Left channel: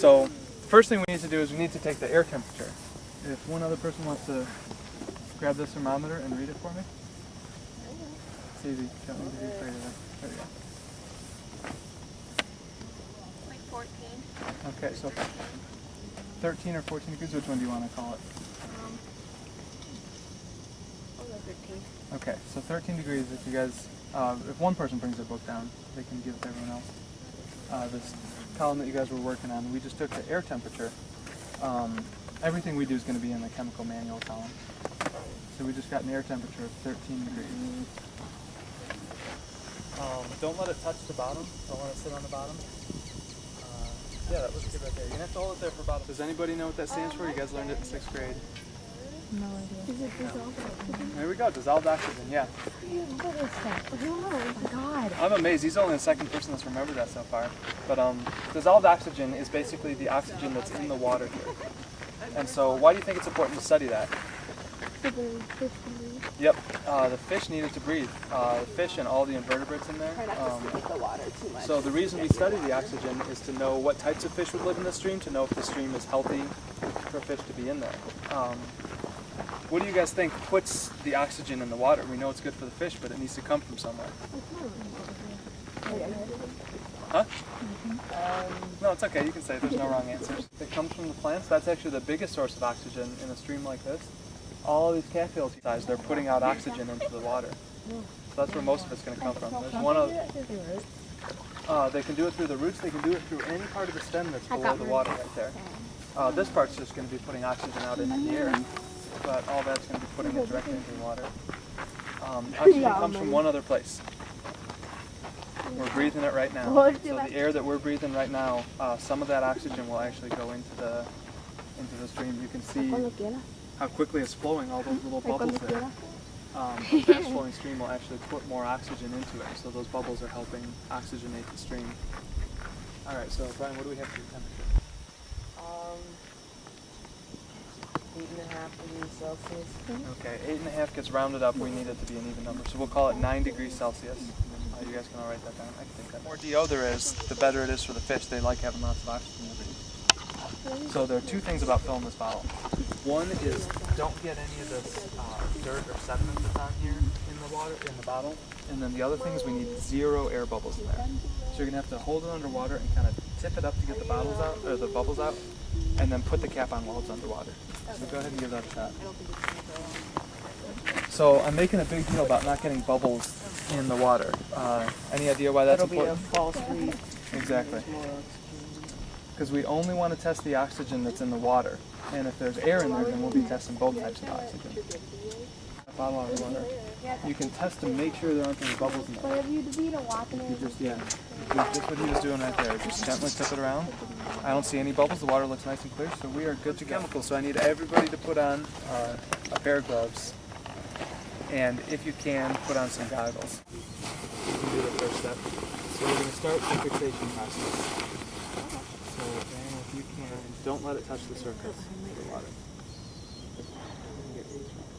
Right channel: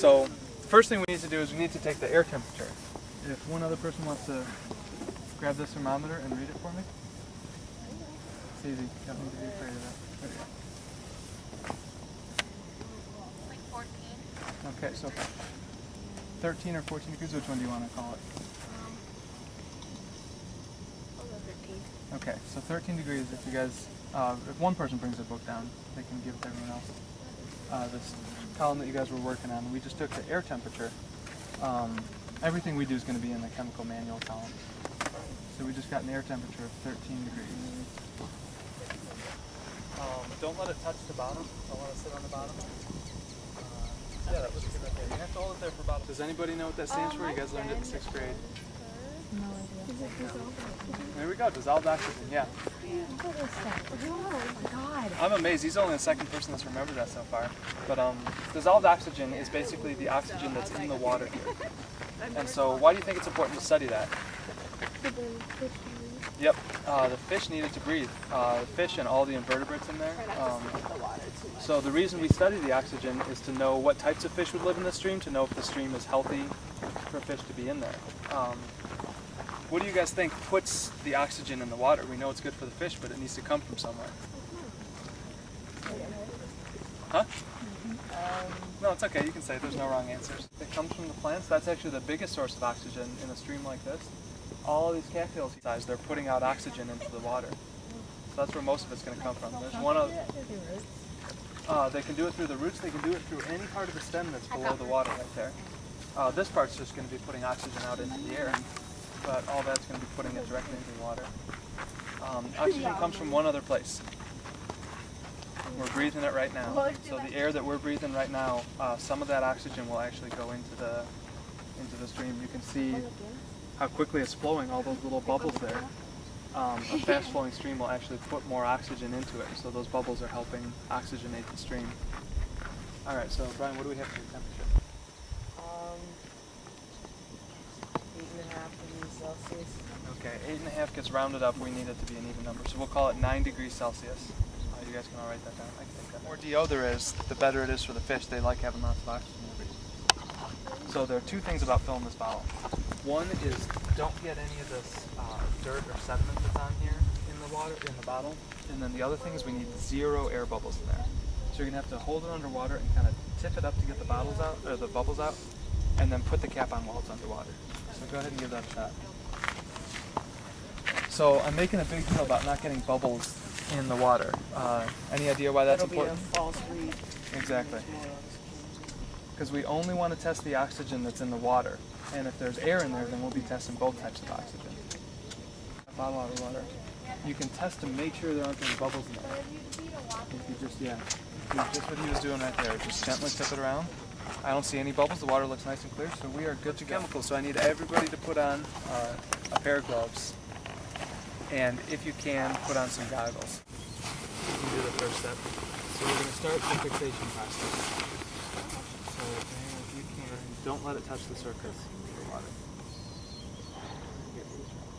So first thing we need to do is we need to take the air temperature. If one other person wants to grab this thermometer and read it for me. It's easy, you don't need to be afraid of it. There you go. Like 14. Okay, so 13 or 14 degrees, which one do you want to call it? I'll go 13. Okay, so 13 degrees, if you guys, if one person brings their book down, they can give it to everyone else. This column that you guys were working on, we just took the air temperature. Everything we do is going to be in the chemical manual column. So we just got an air temperature of 13 degrees. Don't let it touch the bottom. Don't let it sit on the bottom. Yeah, that looks good right there. You have to hold it there for about... Does anybody know what that stands for? You guys learned it in 6th grade. No idea. Is it dissolved oxygen? There we go, dissolved oxygen, yeah. What is that? Oh my god. I'm amazed, he's only the second person that's remembered that so far. But dissolved oxygen is basically the oxygen that's in the water here. And so why do you think it's important to study that? So the fish can breathe? Yep, the fish needed to breathe. The fish and all the invertebrates in there. So the reason we study the oxygen is to know what types of fish would live in the stream, to know if the stream is healthy for fish to be in there. What do you guys think puts the oxygen in the water? We know it's good for the fish, but it needs to come from somewhere. Huh? No, it's okay. You can say it. There's no wrong answers. It comes from the plants. That's actually the biggest source of oxygen in a stream like this. All these cattails, they're putting out oxygen into the water. So that's where most of it's going to come from. There's one of... they can do it through the roots. They can do it through any part of the stem that's below the water right there. This part's just going to be putting oxygen out into the air. But all that's going to be putting it directly into the water. Oxygen comes from one other place. We're breathing it right now. So the air that we're breathing right now, some of that oxygen will actually go into the stream. You can see how quickly it's flowing, all those little bubbles there. A fast-flowing stream will actually put more oxygen into it, so those bubbles are helping oxygenate the stream. All right, so Brian, what do we have for your temperature? 8.5 degrees Celsius. Okay, 8.5 gets rounded up. We need it to be an even number, so we'll call it 9 degrees Celsius. You guys can all write that down. I can take that. The more DO there is, the better it is for the fish. They like having lots of oxygen to breathe. So there are two things about filling this bottle. One is don't get any of this dirt or sediment that's on here in the water, in the bottle. And then the other thing is we need 0 air bubbles in there. So you're gonna have to hold it underwater and kind of tip it up to get the bottles out, or the bubbles out, and then put the cap on while it's underwater. So go ahead and give that a shot. So I'm making a big deal about not getting bubbles in the water. Any idea why that's important? It'll be a false read. Exactly. Because we only want to test the oxygen that's in the water. And if there's air in there, then we'll be testing both types of oxygen. A bottle out of water. You can test to make sure there aren't any bubbles in there. If you just, if you just what he was doing right there, just gently tip it around. I don't see any bubbles, the water looks nice and clear, so we are good to go. Chemicals, so I need everybody to put on a pair of gloves. And if you can, put on some goggles. You can do the first step. So we're going to start the fixation process. So Dan, if you can, don't let it touch the surface of the water. We can get 8 drops.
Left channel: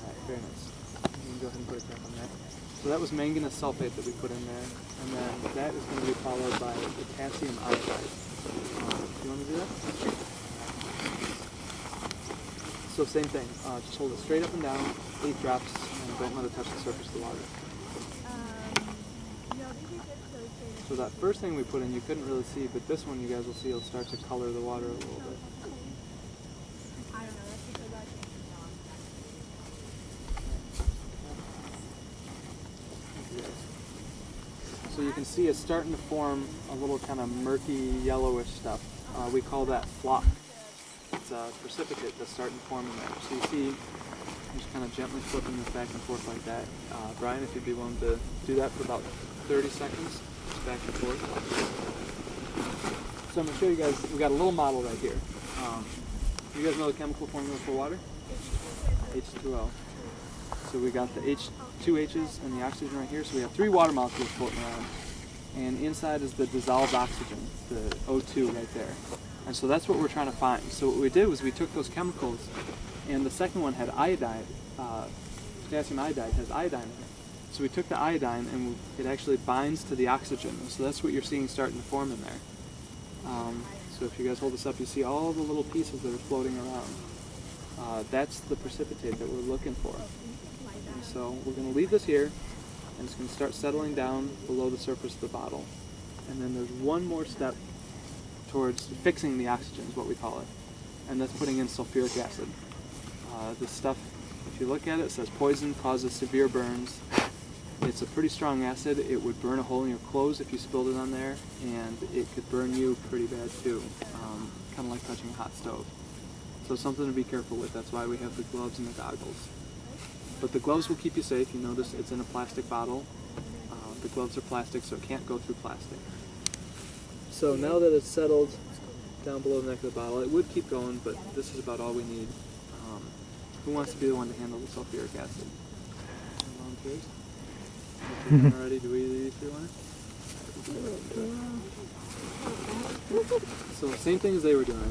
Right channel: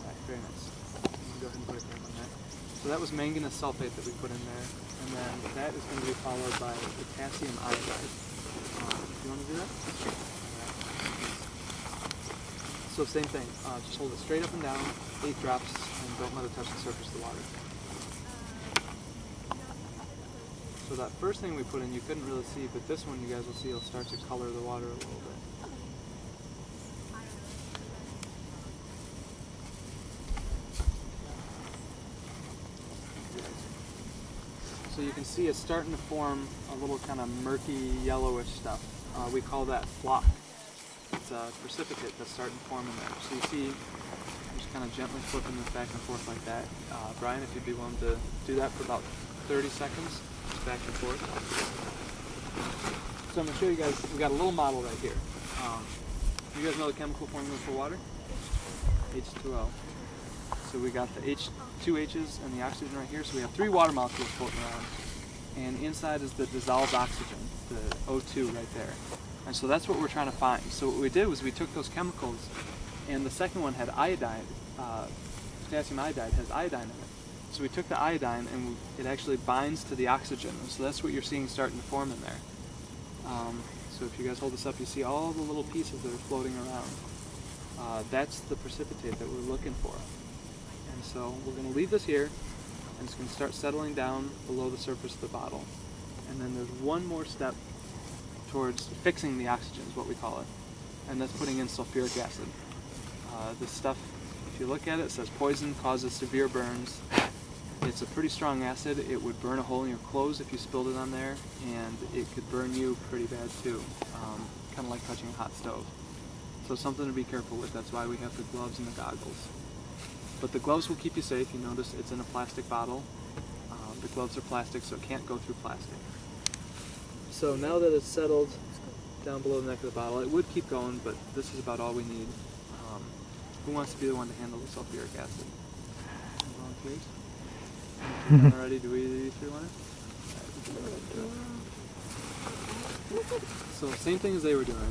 Alright, very nice. You can go ahead and put a cap on that. So that was manganese sulfate that we put in there, and then that is going to be followed by potassium iodide. Do you want to do that? So same thing, just hold it straight up and down, 8 drops, and don't let it touch the surface of the water. So that first thing we put in you couldn't really see, but this one you guys will see it'll start to color the water a little bit. So you can see it's starting to form a little kind of murky yellowish stuff. We call that flock. It's a precipitate that's starting to form in there. So you see, I'm just kind of gently flipping this back and forth like that. Brian, if you'd be willing to do that for about 30 seconds, just back and forth. So I'm going to show you guys, we've got a little model right here. You guys know the chemical formula for water? H2O. So we got the two H's and the oxygen right here. So we have 3 water molecules floating around. And inside is the dissolved oxygen, the O2 right there. And so that's what we're trying to find. So what we did was we took those chemicals, and the second one had iodide, potassium iodide has iodine in it. So we took the iodine and it actually binds to the oxygen. And so that's what you're seeing starting to form in there. So if you guys hold this up, you see all the little pieces that are floating around. That's the precipitate that we're looking for. And so we're going to leave this here, and it's going to start settling down below the surface of the bottle. And then there's one more step towards fixing the oxygen, is what we call it. And that's putting in sulfuric acid. This stuff, if you look at it, it says poison, causes severe burns. It's a pretty strong acid. It would burn a hole in your clothes if you spilled it on there, and it could burn you pretty bad too, kind of like touching a hot stove. So something to be careful with. That's why we have the gloves and the goggles. But the gloves will keep you safe. You notice it's in a plastic bottle. The gloves are plastic, so it can't go through plastic. So now that it's settled down below the neck of the bottle, it would keep going, but this is about all we need. Who wants to be the one to handle the sulfuric acid? Any volunteers? If you're done already, do we three want it? Alright, we can go ahead and do it. So same thing as they were doing. I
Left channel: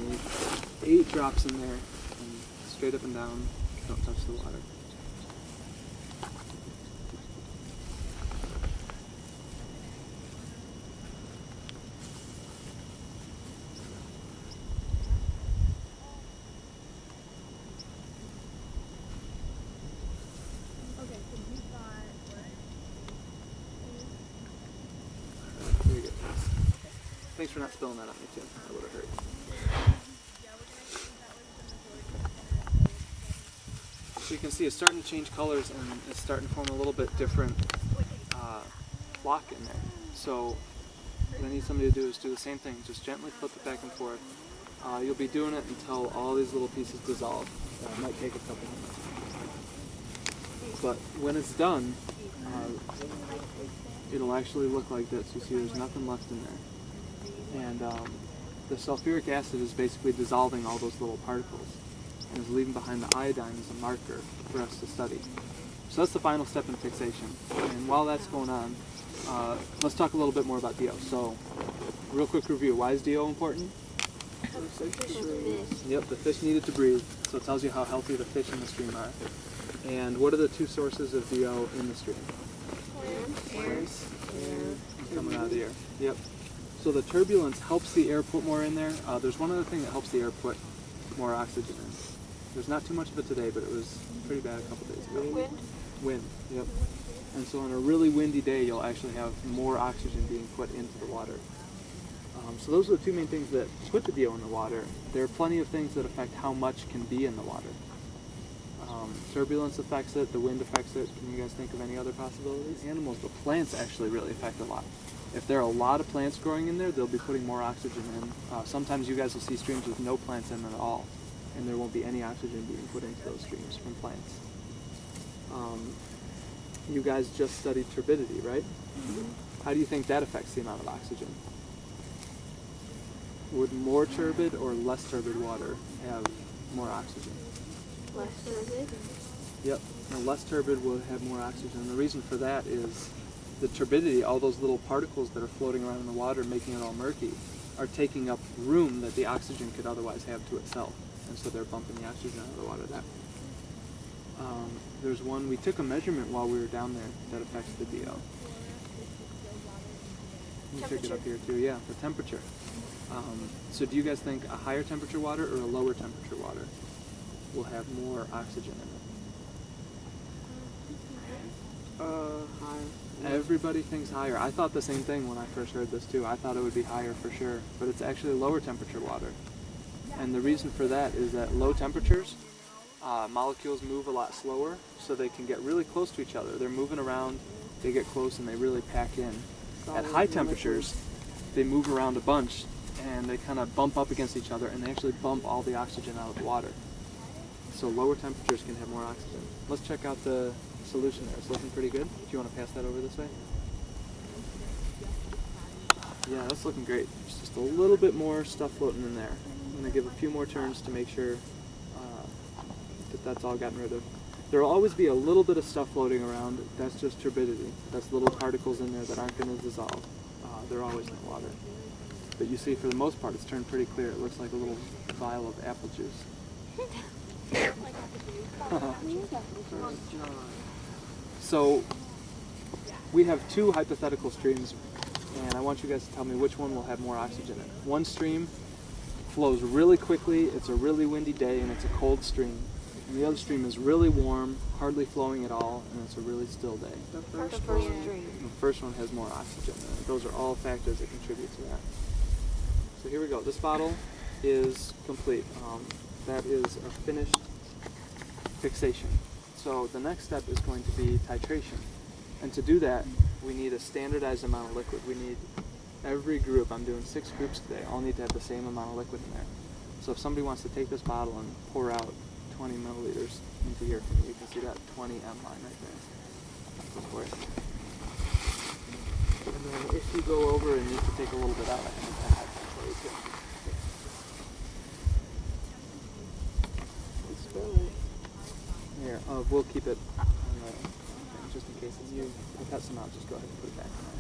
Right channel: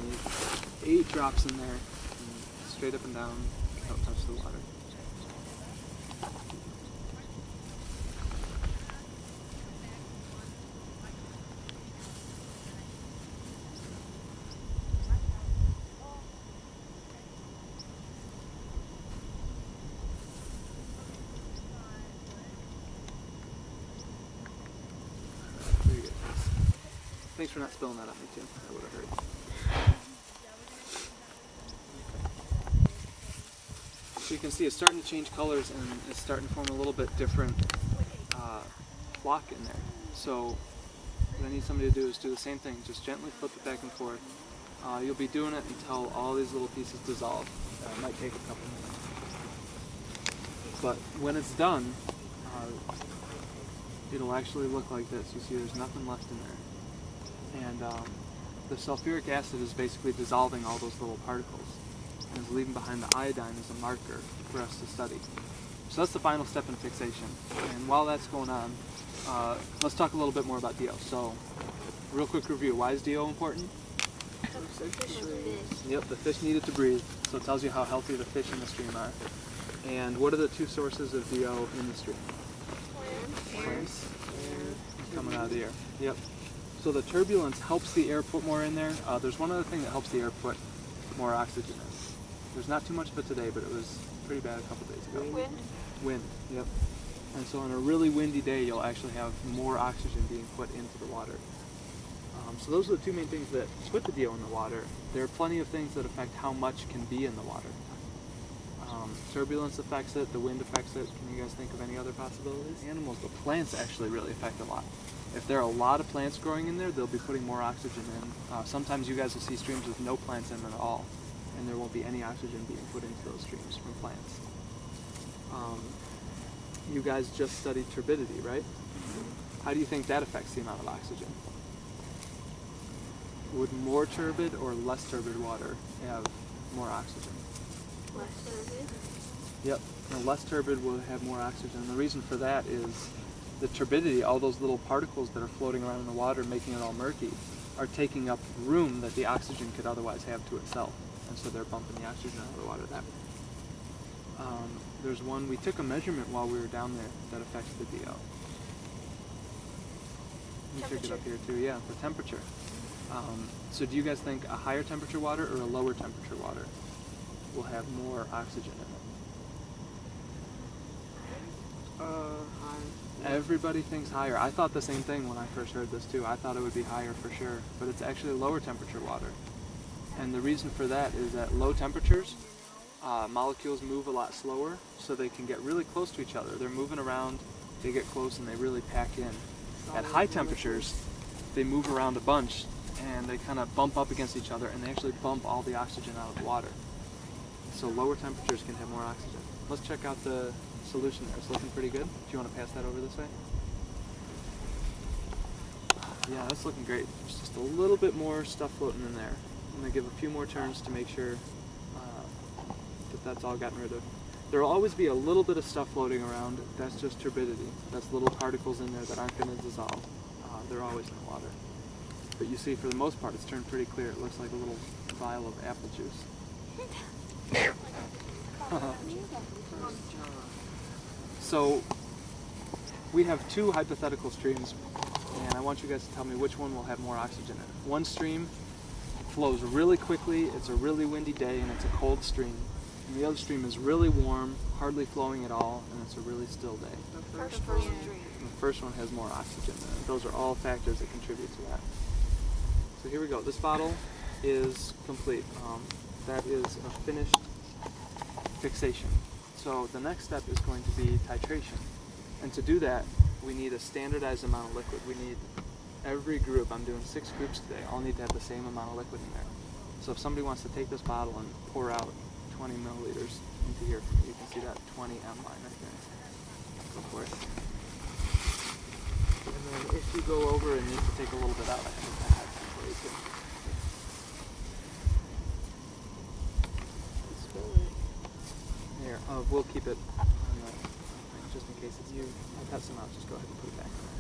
need 8 drops in there, and straight up and down, don't touch the water. Very good. Thanks for not spilling that on me too. That would have hurt. Okay. So you can see it's starting to change colors and it's starting to form a little bit different flock in there. So what I need somebody to do is do the same thing. Just gently flip it back and forth. You'll be doing it until all these little pieces dissolve. It might take a couple minutes. But when it's done, it'll actually look like this. You see there's nothing left in there. And the sulfuric acid is basically dissolving all those little particles and is leaving behind the iodine as a marker for us to study. So that's the final step in fixation. And while that's going on, let's talk a little bit more about DO. So, real quick review. Why is DO important? Yep, the fish need it to breathe. So it tells you how healthy the fish in the stream are. And what are the 2 sources of DO in the stream? Plants. Coming out of the air. Yep. So the turbulence helps the air put more in there. There's one other thing that helps the air put more oxygen in. There's not too much of it today, but it was pretty bad a couple days ago. Wind? Wind, yep. And so on a really windy day, you'll actually have more oxygen being put into the water. So those are the 2 main things that put the DO in the water. There are plenty of things that affect how much can be in the water. Turbulence affects it, the wind affects it. Can you guys think of any other possibilities? Animals, the plants actually really affect a lot. If there are a lot of plants growing in there, they'll be putting more oxygen in. Sometimes you guys will see streams with no plants in them at all, and there won't be any oxygen being put into those streams from plants. You guys just studied turbidity, right? Mm-hmm. How do you think that affects the amount of oxygen? Would more turbid or less turbid water have more oxygen? Less turbid? Yep, now, less turbid will have more oxygen. And the reason for that is the turbidity, all those little particles that are floating around in the water making it all murky, are taking up room that the oxygen could otherwise have to itself. And so they're bumping the oxygen out of the water that way. There's one, we took a measurement while we were down there that affects the DO. We took it up here too, yeah, the temperature. So do you guys think a higher temperature water or a lower temperature water will have more oxygen in it? Higher. Everybody thinks higher. I thought the same thing when I first heard this too. I thought it would be higher for sure, but it's actually lower temperature water. And the reason for that is at low temperatures, molecules move a lot slower, so they can get really close to each other. They're moving around, they get close, and they really pack in. At high temperatures, they move around a bunch, and they kind of bump up against each other, and they actually bump all the oxygen out of the water. So lower temperatures can have more oxygen. Let's check out the solution there. It's looking pretty good. Do you want to pass that over this way? Yeah, that's looking great. There's just a little bit more stuff floating in there. I'm going to give a few more turns to make sure that that's all gotten rid of. There will always be a little bit of stuff floating around. That's just turbidity. That's little particles in there that aren't going to dissolve. They're always in the water. But you see, for the most part, it's turned pretty clear. It looks like a little vial of apple juice. So we have two hypothetical streams, and I want you guys to tell me which one will have more oxygen in it. One stream flows really quickly, it's a really windy day, and it's a cold stream. And the other stream is really warm, hardly flowing at all, and it's a really still day. The first stream. And the first one has more oxygen in it. Those are all factors that contribute to that. So here we go. This bottle is complete. That is a finished fixation. So the next step is going to be titration. And to do that, we need a standardized amount of liquid. We need every group, I'm doing 6 groups today, all need to have the same amount of liquid in there. So if somebody wants to take this bottle and pour out 20 milliliters into here for me, you can see that 20 M line right there. Go for it. And then if you go over and need to take a little bit out, I think I have that for you too. Here, we'll keep it on the thing just in case if you cut some out, just go ahead and put it back in there.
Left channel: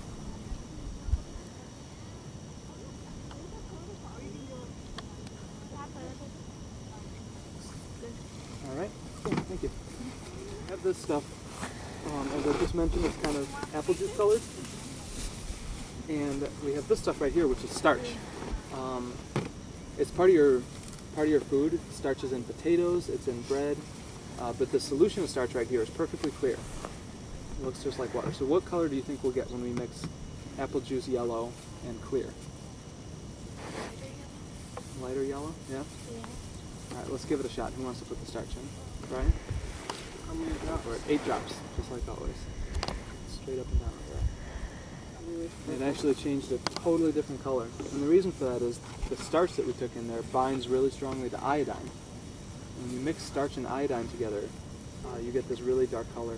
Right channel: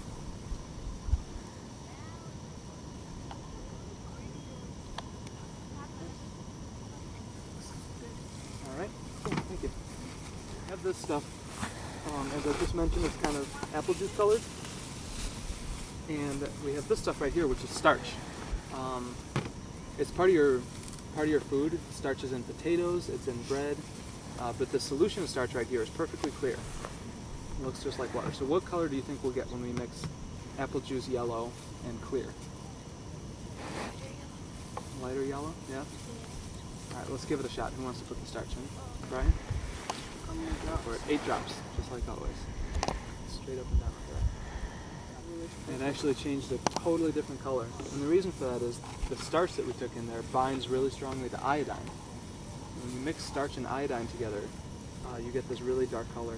Good. Alright, cool, thank you. I have this stuff, as I just mentioned, it's kind of apple juice colored. And we have this stuff right here, which is starch. It's part of your food. Starch is in potatoes, it's in bread, but the solution of starch right here is perfectly clear. It looks just like water. So what color do you think we'll get when we mix apple juice yellow and clear? Lighter yellow? Yeah? Yeah. Alright, let's give it a shot. Who wants to put the starch in? Brian? Go for it. 8 drops, just like always. And straight up and down like that. It actually changed a totally different color. And the reason for that is the starch that we took in there binds really strongly to iodine. And when you mix starch and iodine together, you get this really dark color.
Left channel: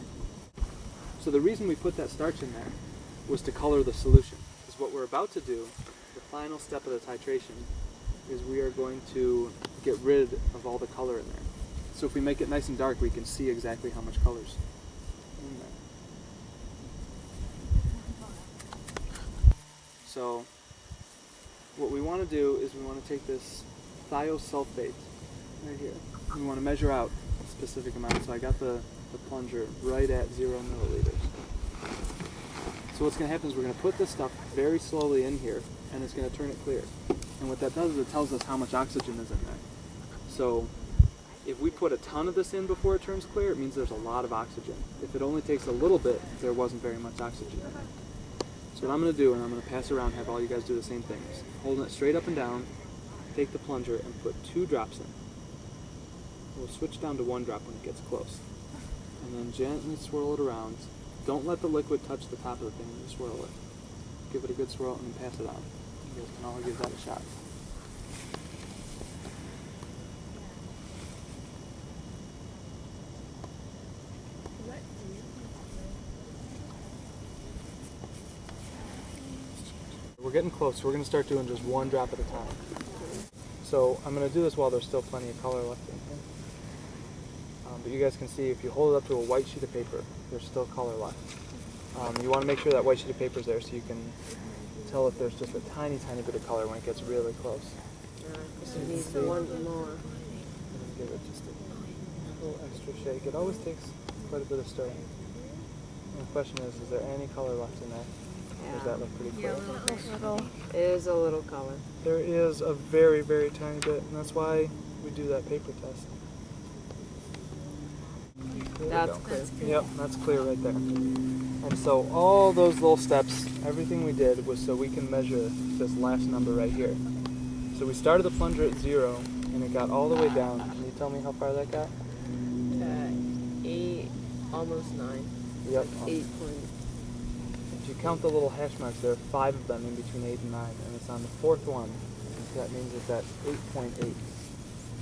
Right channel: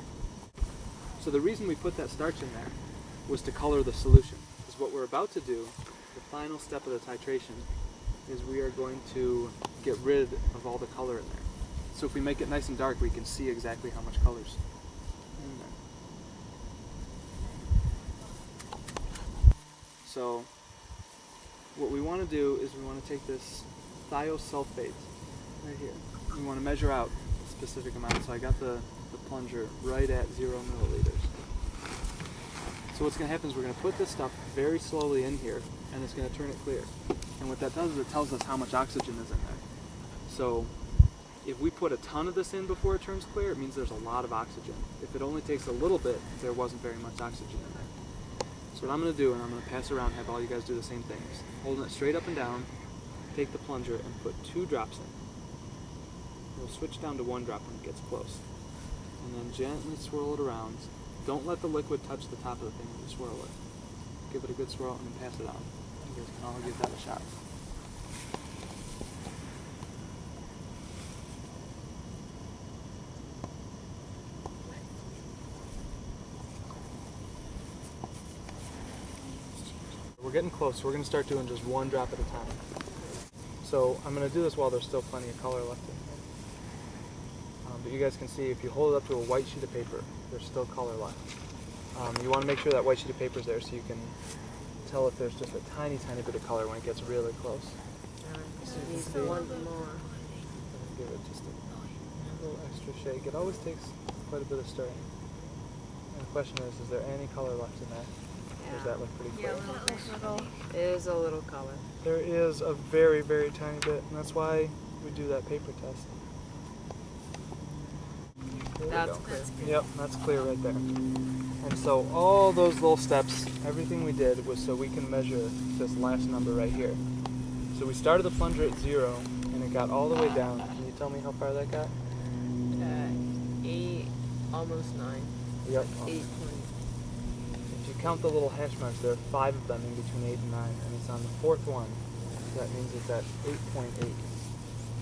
So the reason we put that starch in there was to color the solution. Because what we're about to do, the final step of the titration, is we are going to get rid of all the color in there. So if we make it nice and dark, we can see exactly how much color's in there. So what we want to do is we want to take this thiosulfate right here. We want to measure out a specific amount. So I got the plunger right at 0 milliliters. So what's going to happen is we're going to put this stuff very slowly in here, and it's going to turn it clear. And what that does is it tells us how much oxygen is in there. So if we put a ton of this in before it turns clear, it means there's a lot of oxygen. If it only takes a little bit, there wasn't very much oxygen in there. So what I'm going to do, and I'm going to pass around, have all you guys do the same things. Holding it straight up and down, take the plunger and put 2 drops in. We'll switch down to 1 drop when it gets close. And then gently swirl it around. Don't let the liquid touch the top of the thing when you swirl it. Give it a good swirl and then pass it on. You guys can all give that a shot. We're getting close, so we're going to start doing just 1 drop at a time. So I'm going to do this while there's still plenty of color left in here. But you guys can see if you hold it up to a white sheet of paper, there's still color left. You want to make sure that white sheet of paper is there so you can tell if there's just a tiny, tiny bit of color when it gets really close. So you need 1 more. I'm going to give it just a little extra shake. It always takes quite a bit of stirring. And the question is there any color left in there? Or does that look pretty clear? It is a little color. There is a very, very tiny bit, and that's why we do that paper test. That's clear. Yep, that's clear right there. And so all those little steps, everything we did was so we can measure this last number right here. So we started the plunger at 0, and it got all the way down. Can you tell me how far that got? 8, almost 9. Yep. 8 If you count the little hash marks, there are 5 of them in between 8 and 9, and it's on the 4th one. So that means it's at 8.8.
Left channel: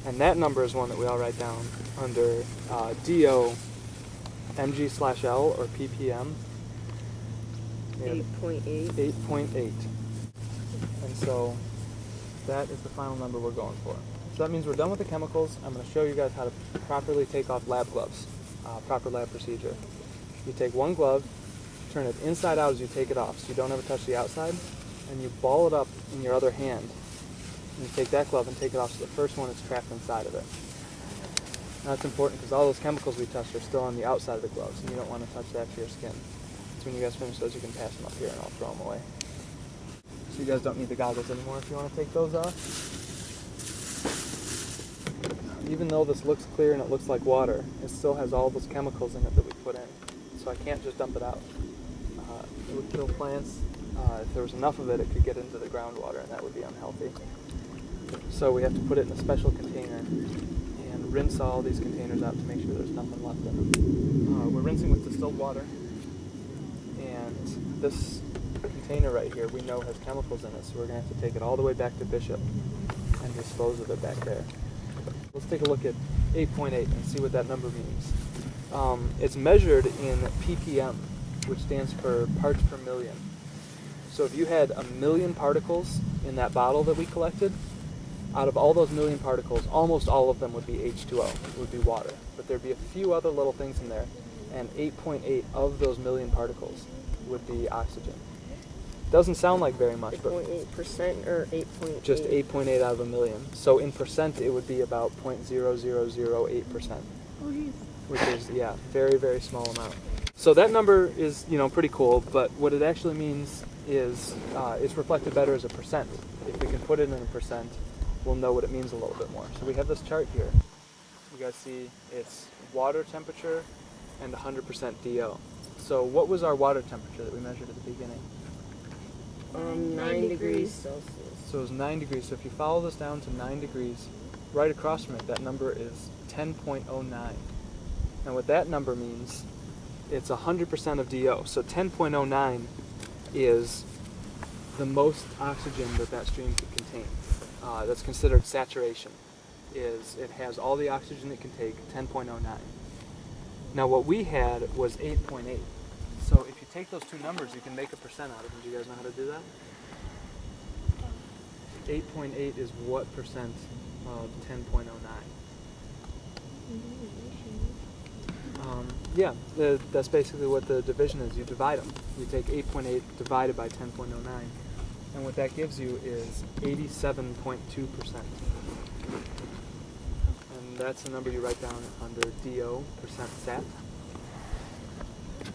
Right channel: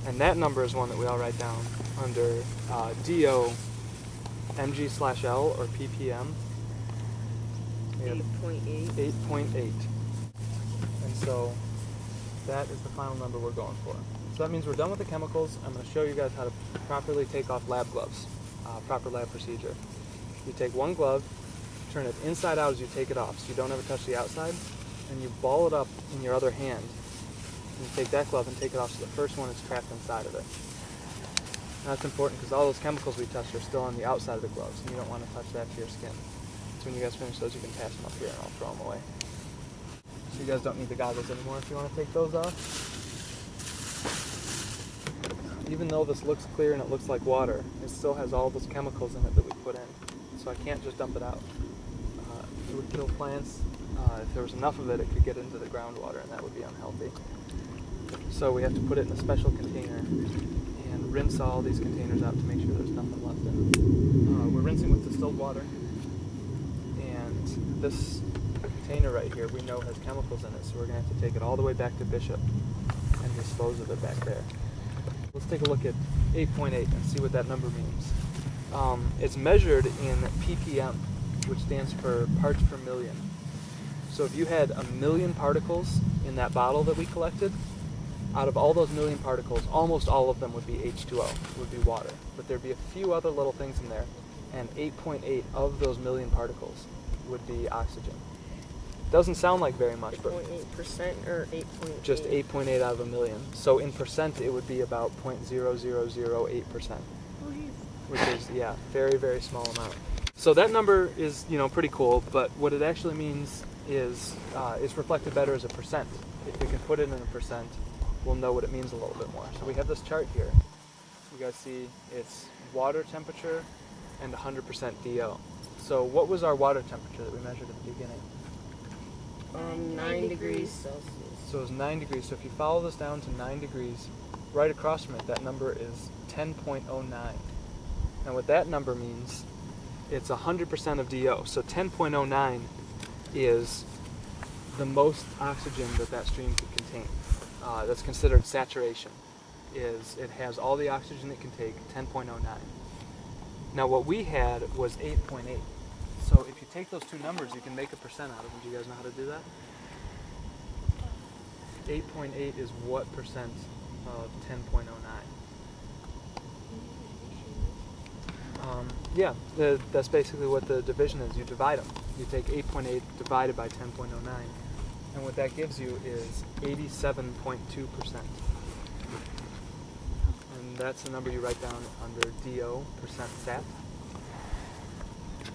And that number is one that we all write down under DO mg/L or ppm. 8.8. 8.8. And so that is the final number we're going for. So that means we're done with the chemicals. I'm going to show you guys how to properly take off lab gloves. Proper lab procedure. You take one glove, turn it inside out as you take it off so you don't ever touch the outside, and you ball it up in your other hand. And you take that glove and take it off so the first one is trapped inside of it. Now that's important because all those chemicals we touched are still on the outside of the gloves, and you don't want to touch that to your skin. So when you guys finish those, you can pass them up here and I'll throw them away. So you guys don't need the goggles anymore if you want to take those off. Even though this looks clear and it looks like water, it still has all those chemicals in it that we put in. So I can't just dump it out. It would kill plants. If there was enough of it, it could get into the groundwater and that would be unhealthy. So we have to put it in a special container and rinse all these containers out to make sure there's nothing left in them. We're rinsing with distilled water, and this container right here we know has chemicals in it, so we're going to have to take it all the way back to Bishop and dispose of it back there. Let's take a look at 8.8 and see what that number means. It's measured in ppm, which stands for parts per million. So if you had 1 million particles in that bottle that we collected, out of all those million particles, almost all of them would be H2O, would be water. But there'd be a few other little things in there, and 8.8 of those million particles would be oxygen. Doesn't sound like very much, but 8.8% or 8.8? just 8.8 out of 1 million. So in percent, it would be about 0.0008%, which is, yeah, very, very small amount. So that number is, pretty cool, but what it actually means is it's reflected better as a percent. If we can put it in a percent, we'll know what it means a little bit more. So we have this chart here. You guys see it's water temperature and 100% DO. So what was our water temperature that we measured at the beginning? 9 degrees Celsius. So it was 9 degrees. So if you follow this down to 9 degrees, right across from it, that number is 10.09. Now what that number means, it's 100% of DO. So 10.09 is the most oxygen that stream could contain. That's considered saturation. It has all the oxygen it can take, 10.09. Now what we had was 8.8. So if you take those two numbers, you can make a percent out of them. Do you guys know how to do that? 8.8 is what percent of 10.09? Yeah, that's basically what the division is. You divide them. You take 8.8 divided by 10.09, and what that gives you is 87.2%. And that's the number you write down under DO, percent sat.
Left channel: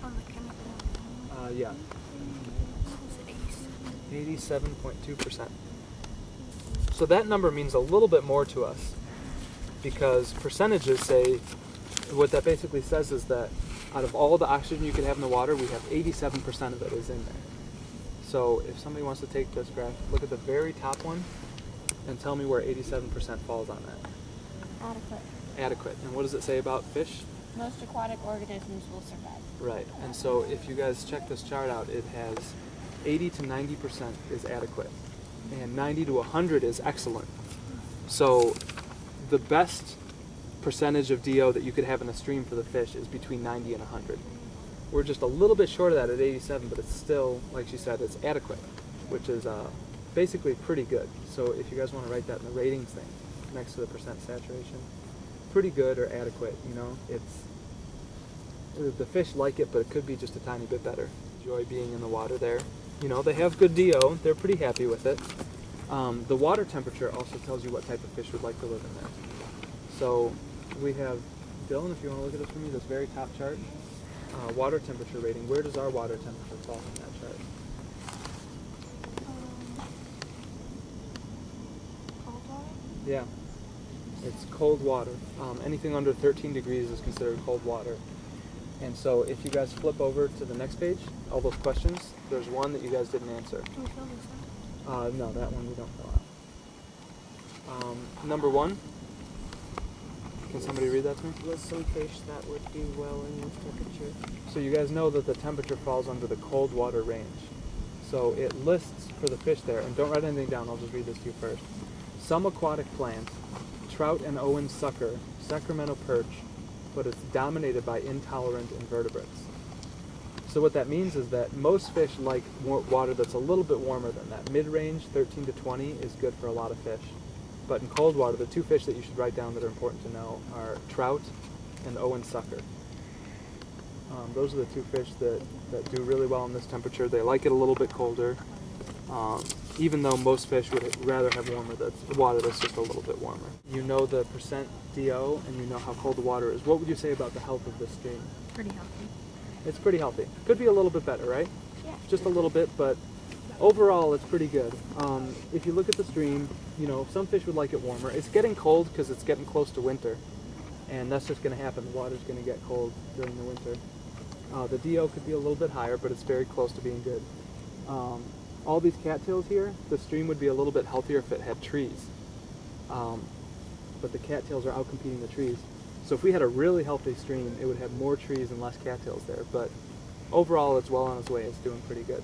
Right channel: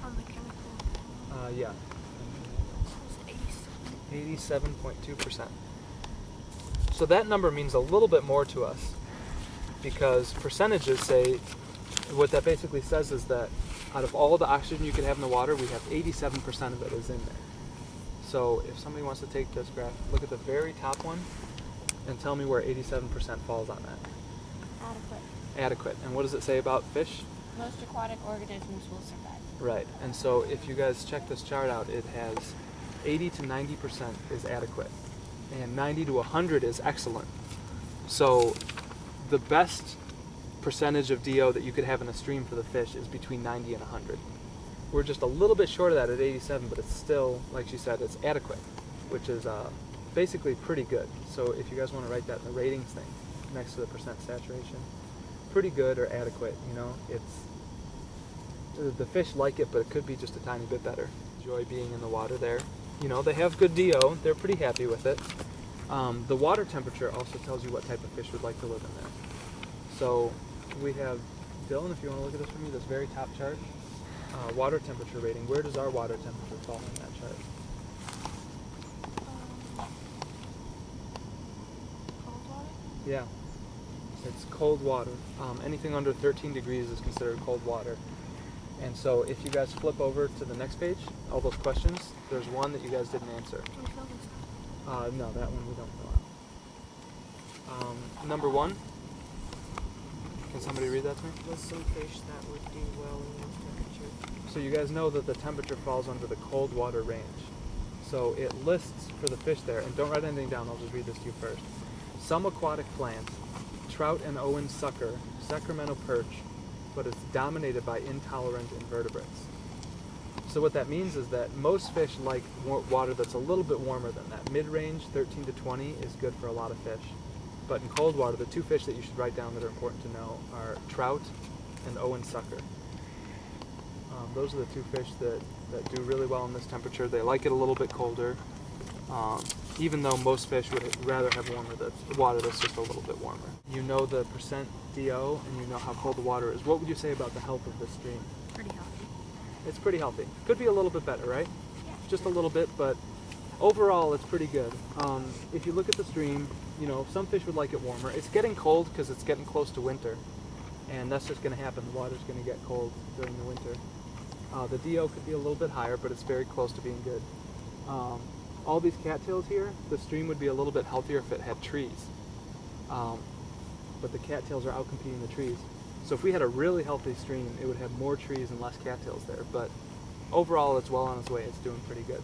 On the chemical Yeah. 87.2%. So that number means a little bit more to us, because percentages say, what that basically says is that out of all the oxygen you could have in the water, we have 87% of it is in there. So if somebody wants to take this graph, look at the very top one and tell me where 87% falls on that. Adequate. Adequate. And what does it say about fish? Most aquatic organisms will survive. Right. And so if you guys check this chart out, it has 80 to 90% is adequate, and 90 to 100 is excellent. So the best percentage of DO that you could have in a stream for the fish is between 90 and 100. We're just a little bit short of that at 87, but it's still, like she said, it's adequate, which is basically pretty good. So if you guys want to write that in the ratings thing next to the percent saturation, pretty good or adequate, it's the fish like it, but it could be just a tiny bit better. Enjoy being in the water there. They have good DO. They're pretty happy with it. The water temperature also tells you what type of fish would like to live in there. So we have, Dylan, if you want to look at this for me, this very top chart, water temperature rating. Where does our water temperature fall in that chart? Cold water? Yeah, it's cold water. Anything under 13 degrees is considered cold water. And so if you guys flip over to the next page, all those questions, there's one that you guys didn't answer. Can we fill this out? No, that one we don't fill out. Number 1. Can somebody read that to me? List some fish that would do well in this temperature. So you guys know that the temperature falls under the cold water range. So it lists for the fish there, and don't write anything down, I'll just read this to you first. Some aquatic plants, trout and Owen sucker, Sacramento perch, but it's dominated by intolerant invertebrates. So what that means is that most fish like water that's a little bit warmer than that. Mid-range, 13 to 20, is good for a lot of fish. But in cold water, the two fish that you should write down that are important to know are trout and Owen sucker. Those are the two fish that do really well in this temperature. They like it a little bit colder, even though most fish would rather have water that's just a little bit warmer. You know the percent DO, and you know how cold the water is. What would you say about the health of this stream? Pretty healthy. It's pretty healthy. Could be a little bit better, right? Yeah. Just a little bit, but overall it's pretty good. If you look at the stream, you know, some fish would like it warmer. It's getting cold because it's getting close to winter, and that's just going to happen. The water's going to get cold during the winter. The DO could be a little bit higher, but it's very close to being good. All these cattails here, the stream would be a little bit healthier if it had trees. But the cattails are outcompeting the trees. So if we had a really healthy stream, it would have more trees and less cattails there. But overall, it's well on its way. It's doing pretty good.